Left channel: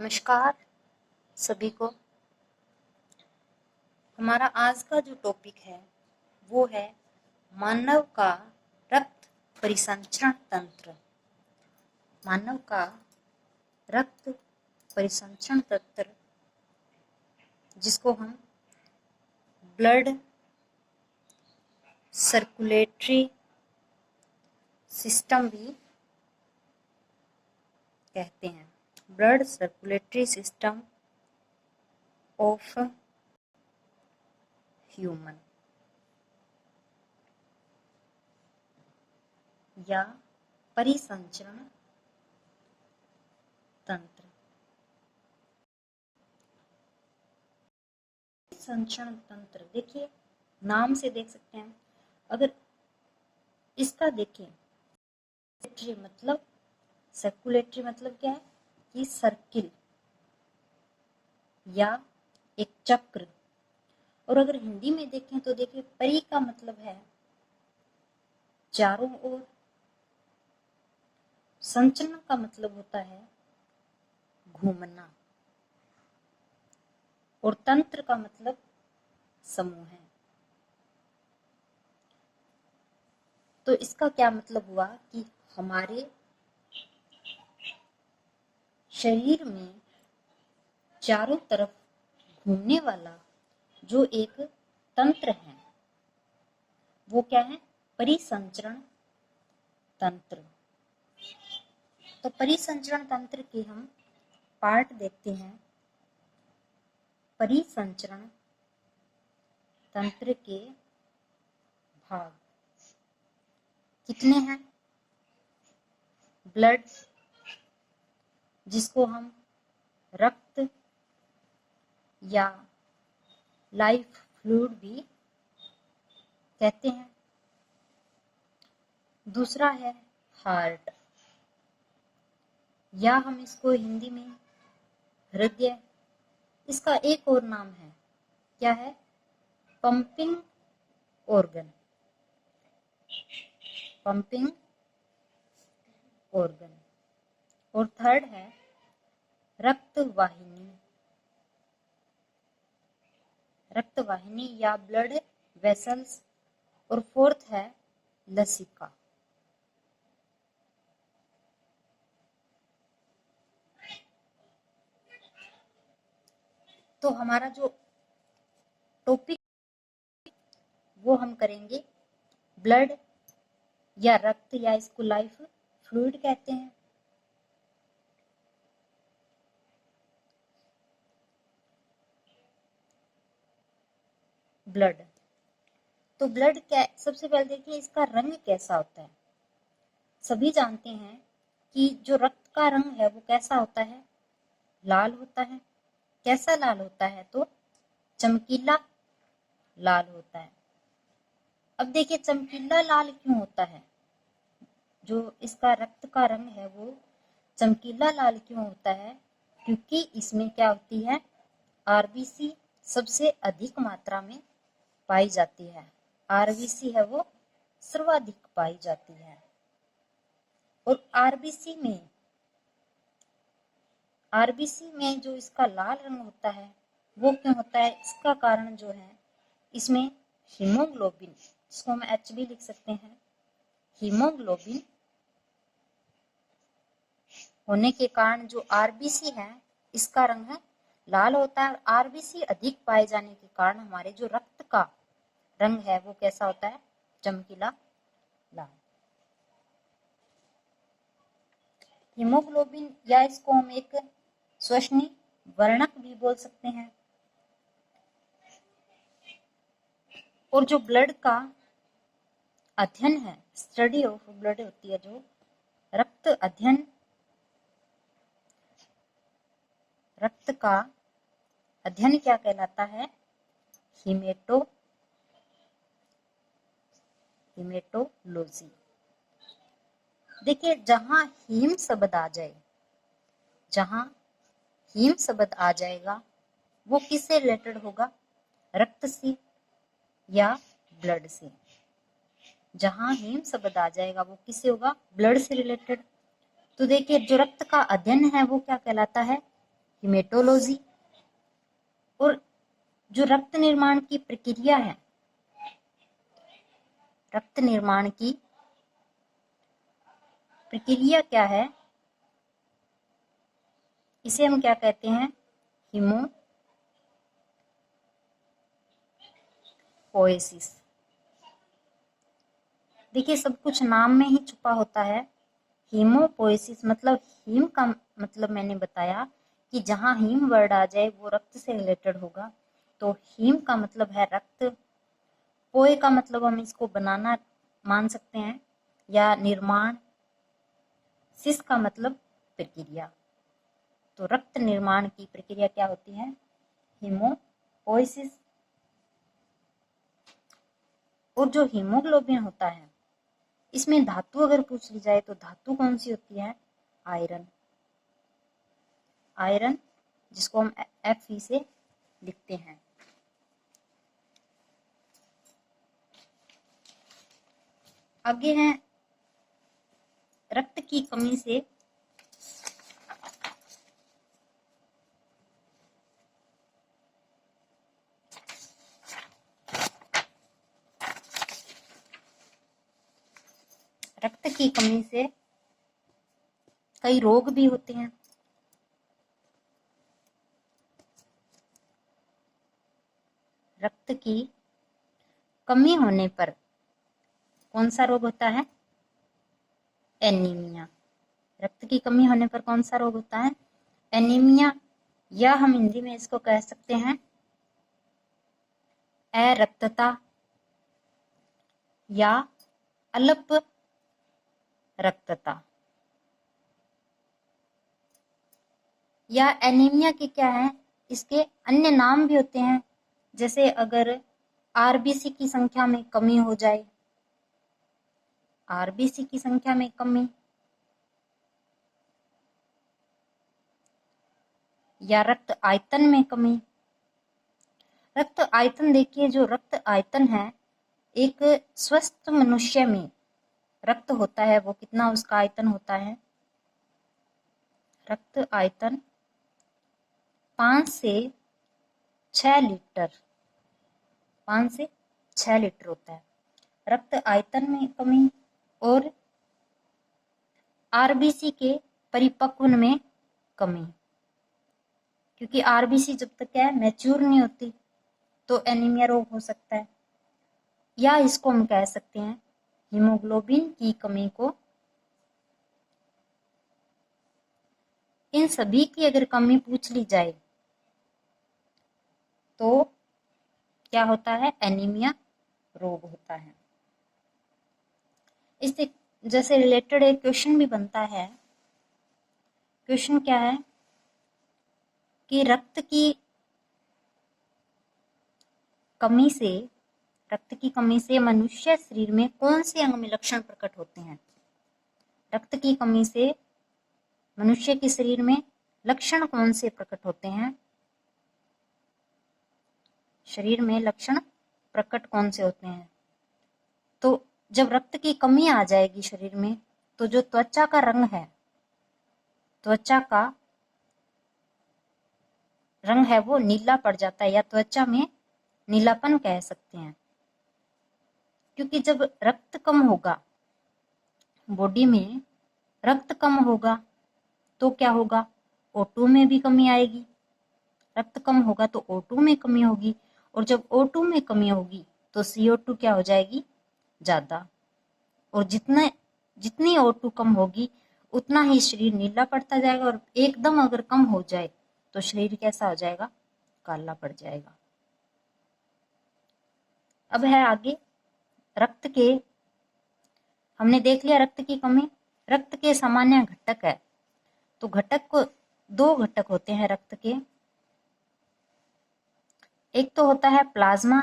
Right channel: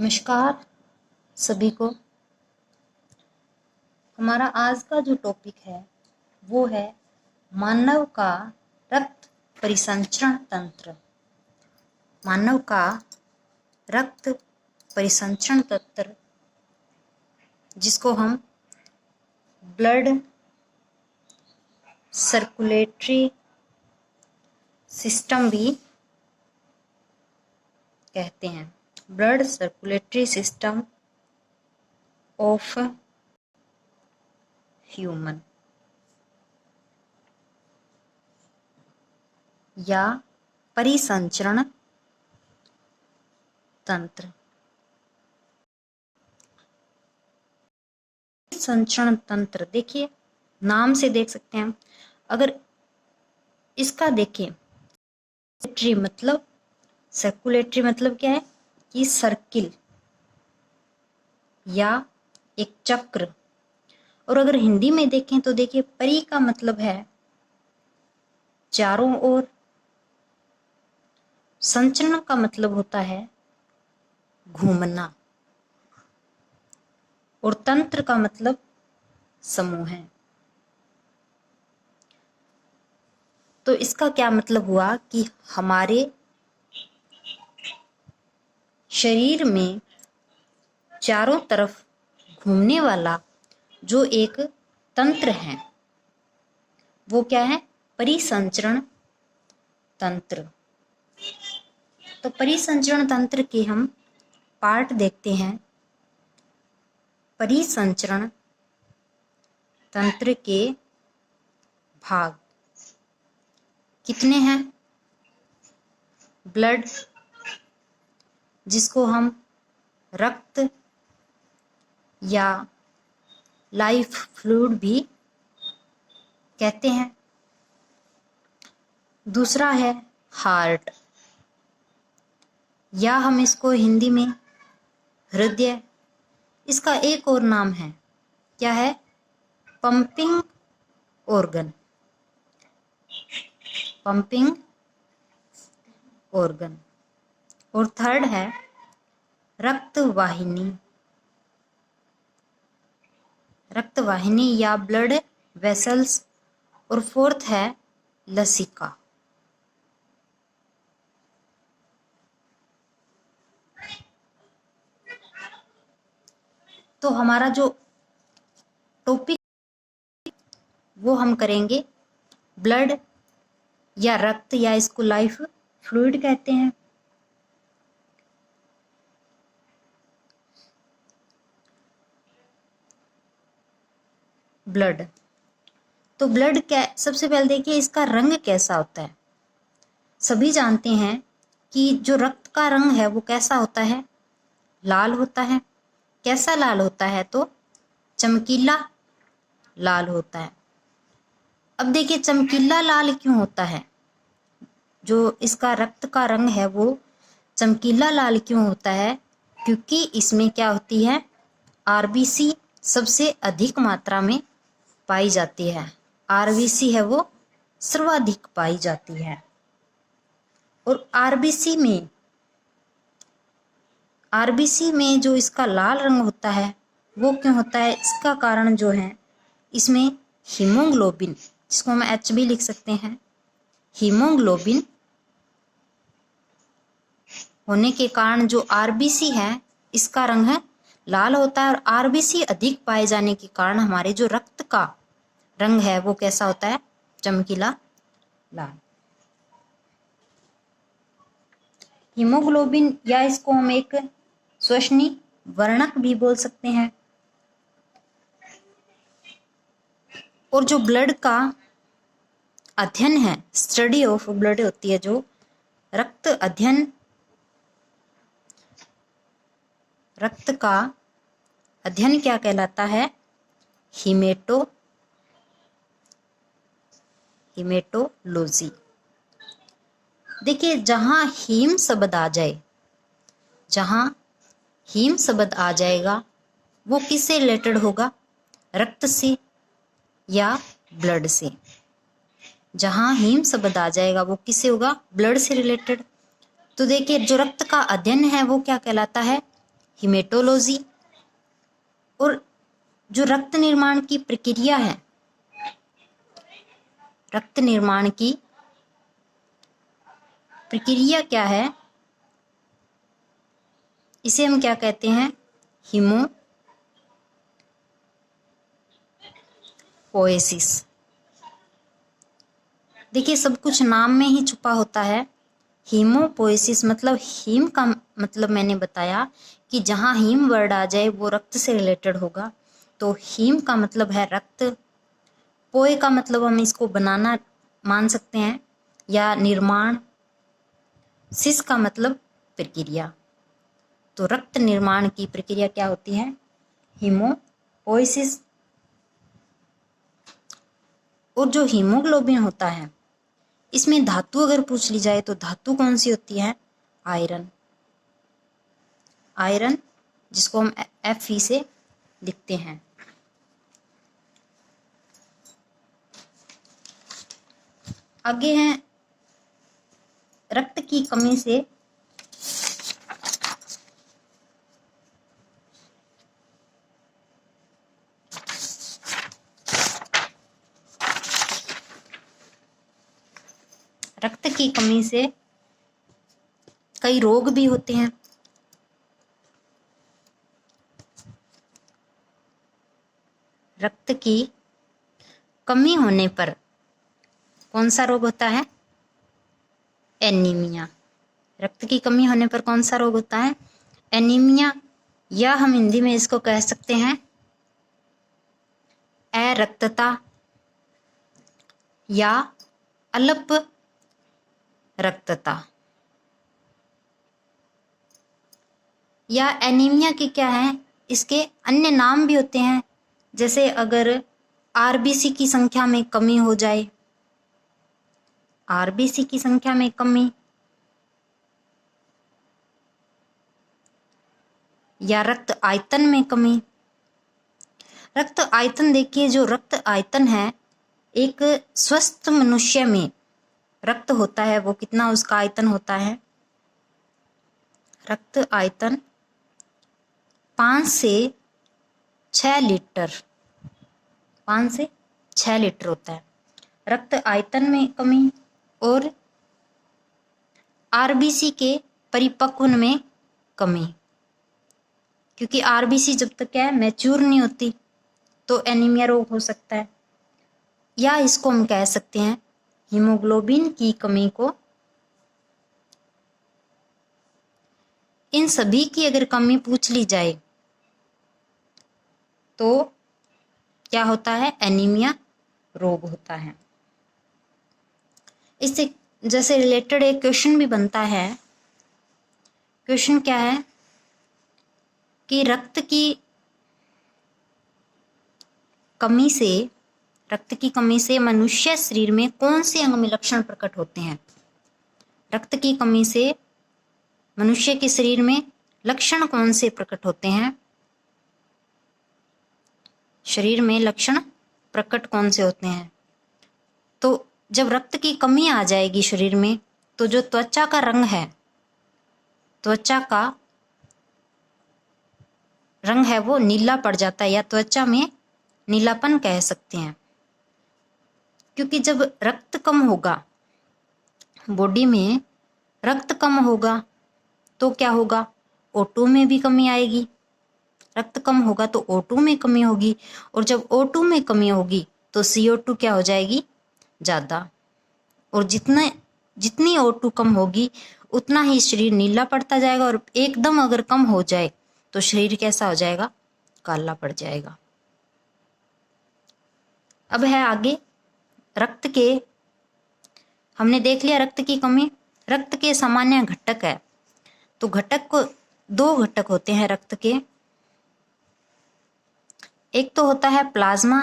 नमस्कार सभी को। हमारा आज का जो टॉपिक है वो है मानव का रक्त परिसंचरण तंत्र। मानव का रक्त परिसंचरण तंत्र, जिसको हम ब्लड सर्कुलेटरी सिस्टम भी कहते हैं। Blood circulatory system of human या परिसंचरण तंत्र। संचरण तंत्र, देखिए नाम से देख सकते हैं। अगर इसका देखें, सर्कुलेटरी मतलब क्या है कि सर्किल या एक चक्र। और अगर हिंदी में देखें तो देखिए परी का मतलब है चारों ओर, संचरण का मतलब होता है घूमना, और तंत्र का मतलब समूह है। तो इसका क्या मतलब हुआ कि हमारे शरीर में चारों तरफ घूमने वाला जो एक तंत्र है वो क्या है? परिसंचरण तंत्र। तो परिसंचरण तंत्र के हम पार्ट देखते हैं। परिसंचरण तंत्र के भाग कितने हैं? ब्लड, जिसको हम रक्त या लाइफ फ्लूइड भी कहते हैं। दूसरा है हार्ट, या हम इसको हिंदी में हृदय, इसका एक और नाम है, क्या है? Pumping organ. Pumping organ. और थर्ड है रक्तवाहिनी। रक्तवाहिनी या ब्लड वेसल्स। और फोर्थ है लसिका। तो हमारा जो टॉपिक वो हम करेंगे ब्लड या रक्त, या इसको लाइफ फ्लूइड कहते हैं। ब्लड, तो ब्लड क्या, सबसे पहले देखिए इसका रंग कैसा होता है। सभी जानते हैं कि जो रक्त का रंग है वो कैसा होता है? लाल होता है। कैसा लाल होता है? तो चमकीला लाल होता है। अब देखिए चमकीला लाल क्यों होता है? जो इसका रक्त का रंग है वो चमकीला लाल क्यों होता है? क्योंकि इसमें क्या होती है? आरबीसी सबसे अधिक मात्रा में पाई जाती है। आरबीसी है वो सर्वाधिक पाई जाती है। और आरबीसी में जो इसका लाल रंग होता है वो क्यों होता है? इसका कारण जो है, इसमें हीमोग्लोबिन, जिसको हम एच भी लिख सकते हैं, हीमोग्लोबिन होने के कारण जो आरबीसी है इसका रंग है लाल होता है। और आरबीसी अधिक पाए जाने के कारण हमारे जो रक्त का रंग है वो कैसा होता है? चमकीला लाल। हीमोग्लोबिन, या इसको हम एक श्वसनी वर्णक भी बोल सकते हैं। और जो ब्लड का अध्ययन है, स्टडी ऑफ ब्लड होती है, जो रक्त अध्ययन, रक्त का अध्ययन क्या कहलाता है? हीमेटोलॉजी। देखिए जहां हीम शब्द आ जाए, जहां हीम शब्द आ जाएगा वो किससे रिलेटेड होगा? रक्त से या ब्लड से। जहां हीम शब्द आ जाएगा वो किससे होगा? ब्लड से रिलेटेड। तो देखिए जो रक्त का अध्ययन है वो क्या कहलाता है? हिमेटोलॉजी। और जो रक्त निर्माण की प्रक्रिया है, रक्त निर्माण की प्रक्रिया क्या है, इसे हम क्या कहते हैं, हीमोपोएसिस। देखिए सब कुछ नाम में ही छुपा होता है। हीमोपोएसिस मतलब हीम का मतलब मैंने बताया कि जहाँ हीम वर्ड आ जाए वो रक्त से रिलेटेड होगा। तो हीम का मतलब है रक्त, पोए का मतलब हम इसको बनाना मान सकते हैं या निर्माण, सिस का मतलब प्रक्रिया। तो रक्त निर्माण की प्रक्रिया क्या होती है, हीमोपोएसिस। और जो हीमोग्लोबिन होता है, इसमें धातु अगर पूछ ली जाए तो धातु कौन सी होती है, आयरन। आयरन जिसको हम Fe से लिखते हैं। आगे हैं रक्त की कमी से रक्त की कमी से कई रोग भी होते हैं। रक्त की कमी होने पर कौन सा रोग होता है, एनीमिया। रक्त की कमी होने पर कौन सा रोग होता है, एनीमिया, या हम हिंदी में इसको कह सकते हैं अरक्तता या अल्प रक्तता। या एनीमिया के क्या है, इसके अन्य नाम भी होते हैं। जैसे अगर आरबीसी की संख्या में कमी हो जाए, आरबीसी की संख्या में कमी, या रक्त आयतन में कमी। रक्त आयतन देखिए, जो रक्त आयतन है एक स्वस्थ मनुष्य में रक्त होता है वो कितना उसका आयतन होता है, रक्त आयतन 5 से 6 लीटर, 5 से 6 लीटर होता है। रक्त आयतन में कमी और आरबीसी के परिपक्वन में कमी, क्योंकि आरबीसी जब तक क्या है मैच्योर नहीं होती तो एनीमिया रोग हो सकता है। या इसको हम कह सकते हैं हीमोग्लोबिन की कमी को, इन सभी की अगर कमी पूछ ली जाए तो क्या होता है, एनीमिया रोग होता है। इससे जैसे रिलेटेड एक क्वेश्चन भी बनता है। क्वेश्चन क्या है कि रक्त की कमी से मनुष्य शरीर में कौन से अंग में लक्षण प्रकट होते हैं। रक्त की कमी से मनुष्य के शरीर में लक्षण कौन से प्रकट होते हैं, शरीर में लक्षण प्रकट कौन से होते हैं। तो जब रक्त की कमी आ जाएगी शरीर में तो जो त्वचा का रंग है, त्वचा का रंग है वो नीला पड़ जाता है, या त्वचा में नीलापन कह सकते हैं। क्योंकि जब रक्त कम होगा, बॉडी में रक्त कम होगा तो क्या होगा, O2 में भी कमी आएगी। रक्त कम होगा तो O2 में कमी होगी, और जब O2 में कमी होगी तो CO2 क्या हो जाएगी, ज़्यादा। और जितनी O2 कम होगी उतना ही शरीर नीला पड़ता जाएगा, और एकदम अगर कम हो जाए तो शरीर कैसा हो जाएगा, काला पड़ जाएगा। अब है आगे रक्त के, हमने देख लिया रक्त की कमी। रक्त के सामान्य घटक है, तो घटक को 2 घटक होते हैं रक्त के। एक तो होता है प्लाज्मा,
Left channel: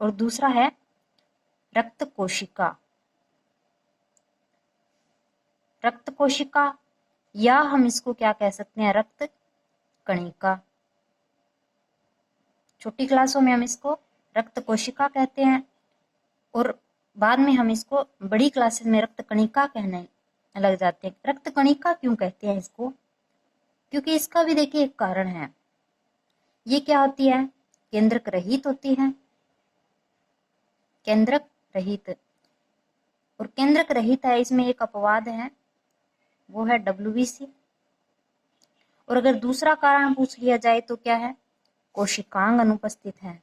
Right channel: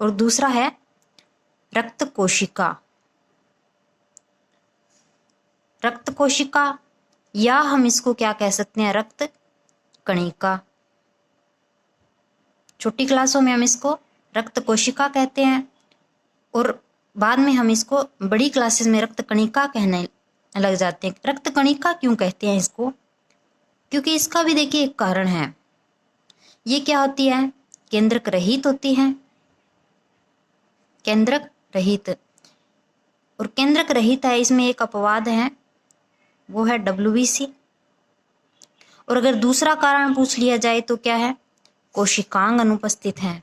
और दूसरा है रक्त कोशिका। रक्त कोशिका, या हम इसको क्या कह सकते हैं, रक्त कणिका। छोटी क्लासों में हम इसको रक्त कोशिका कहते हैं। और बाद में हम इसको बड़ी क्लासेस में रक्त कणिका कहने लग जाते हैं। रक्त कणिका क्यों कहते हैं इसको? क्योंकि इसका भी देखिए एक कारण है। ये क्या होती है? केंद्रक रहित होती है, केंद्रक रहित। और केंद्रक रहित है, इसमें एक अपवाद है, वो है WBC। और अगर दूसरा कारण पूछ लिया जाए तो क्या है? कोशिकांग अनुपस्थित है,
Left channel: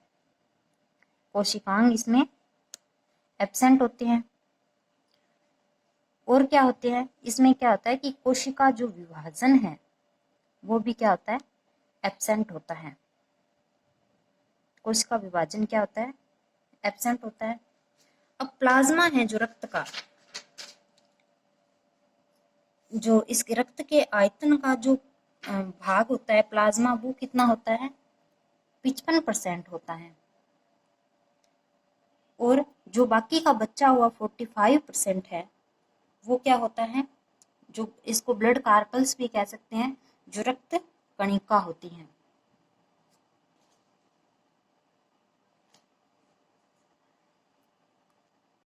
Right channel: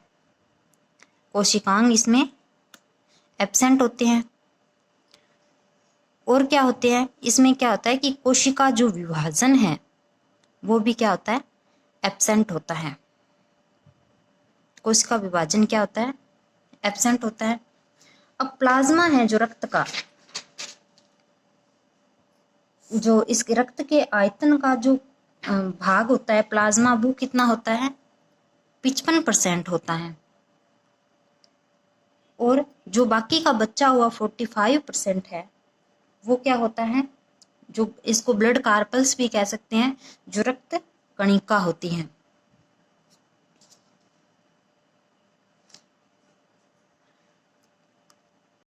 कोशिकांग इसमें एब्सेंट होते हैं। और क्या होते हैं इसमें? क्या होता है कि कोशिका जो विभाजन है वो भी क्या होता है? एब्सेंट होता है। कोशिका विभाजन क्या होता है? एब्सेंट होता है। अब प्लाज्मा है जो रक्त का, जो इस रक्त के आयतन का जो भाग होता है प्लाज्मा, वो कितना होता है? 55% होता है। और जो बाकी का बचा हुआ 45% है वो क्या होता है? जो इसको ब्लड कार्पल्स भी कह सकते हैं, जो रक्त कणिका होती हैं।